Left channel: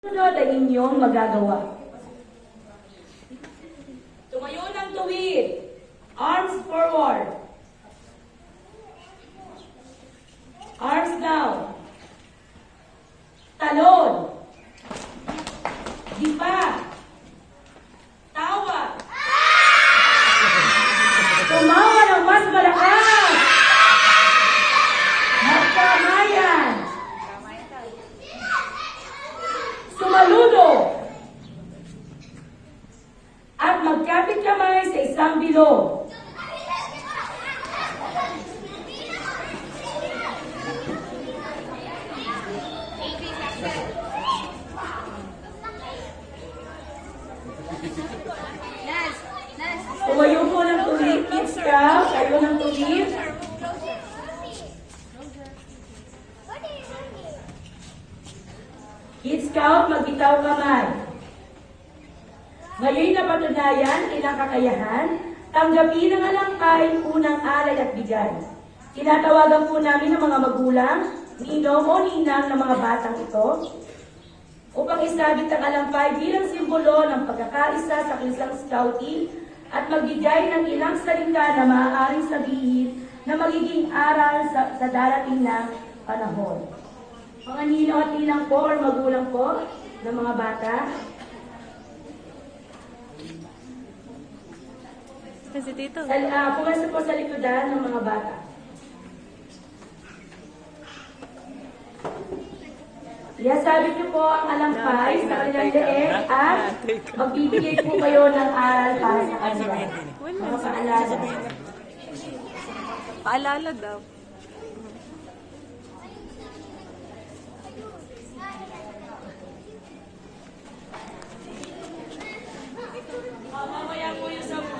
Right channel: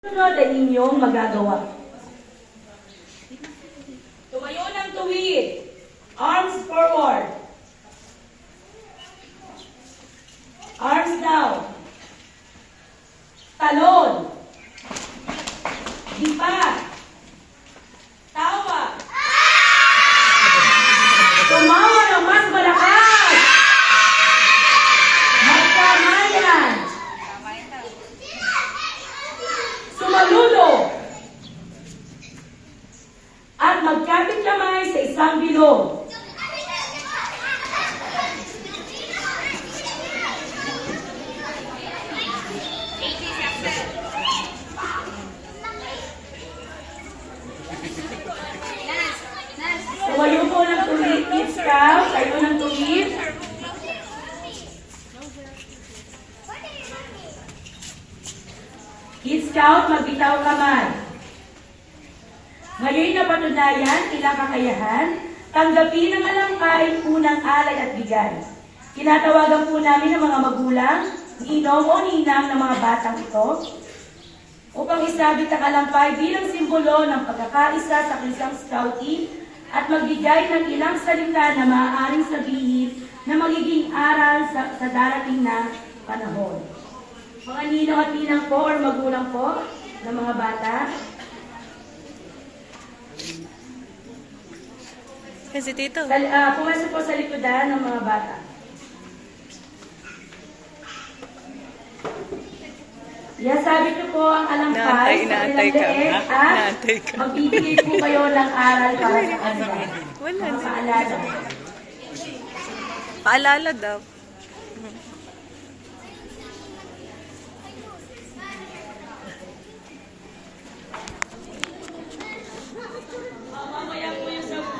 Sunod ay inyong magagawa. Tumayo ng tuwid. Arms forward. Arms down. Talon. Dipa. Tawa. Tumawa ng mas malakas. Magkamayan. Sumaludo. At magkapit kamay sa isang bilog. Tumayo po ng tuwid, kids ka. Tayo ng tuwid. Kids Scout, magbitaw kamay. Ngayon na patunayan, ilang kakayahan, tanggapin ang alangkay, unang alay at bigay. Tinatawagan po namin ang mga magulang, ninong o ninang ng mga batang ito, upang isabit ang alampay bilang simbolo ng pagkakaisa sa kinsang scouting at magbigay ng ilang salita na maaaring sabihin na magiging aral sa darating na panahon. Mga ninong at ninang po o magulang po ng mga bata, kasi tito. pumasok po sa likodan ng mga bata. Iasabi niyo po ang alangkay sa kanilang leeg at magbibigay po kayo ng aral para sa kanila. Mga paalala. Paalala daw.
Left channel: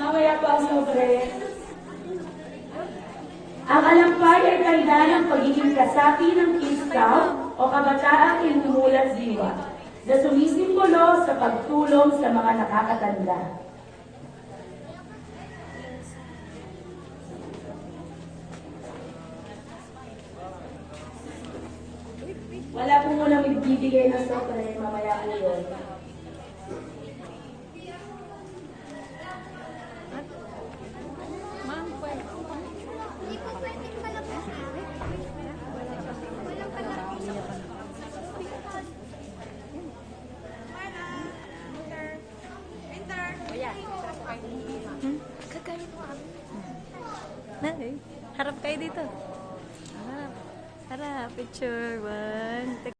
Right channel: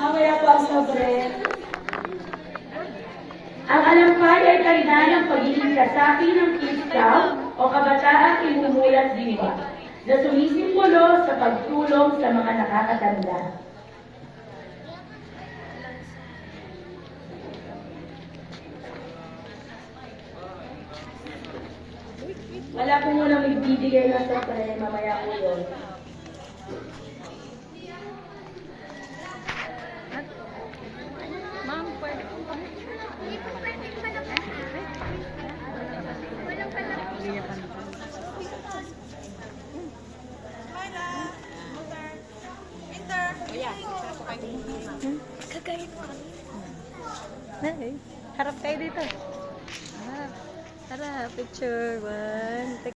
Mamaya po ang sobre. Ang alampay ay tanda ng pagiging kasapi ng Kids Scout o kabataang inumulat diwa na sumisimbolo sa pagtulong sa mga nakakatanda. Wala po munang ibibigay na sobre, mamaya po yun. Ma'am, pwede. Nay, harap kayo dito. Harap. Harap. Picture. 1.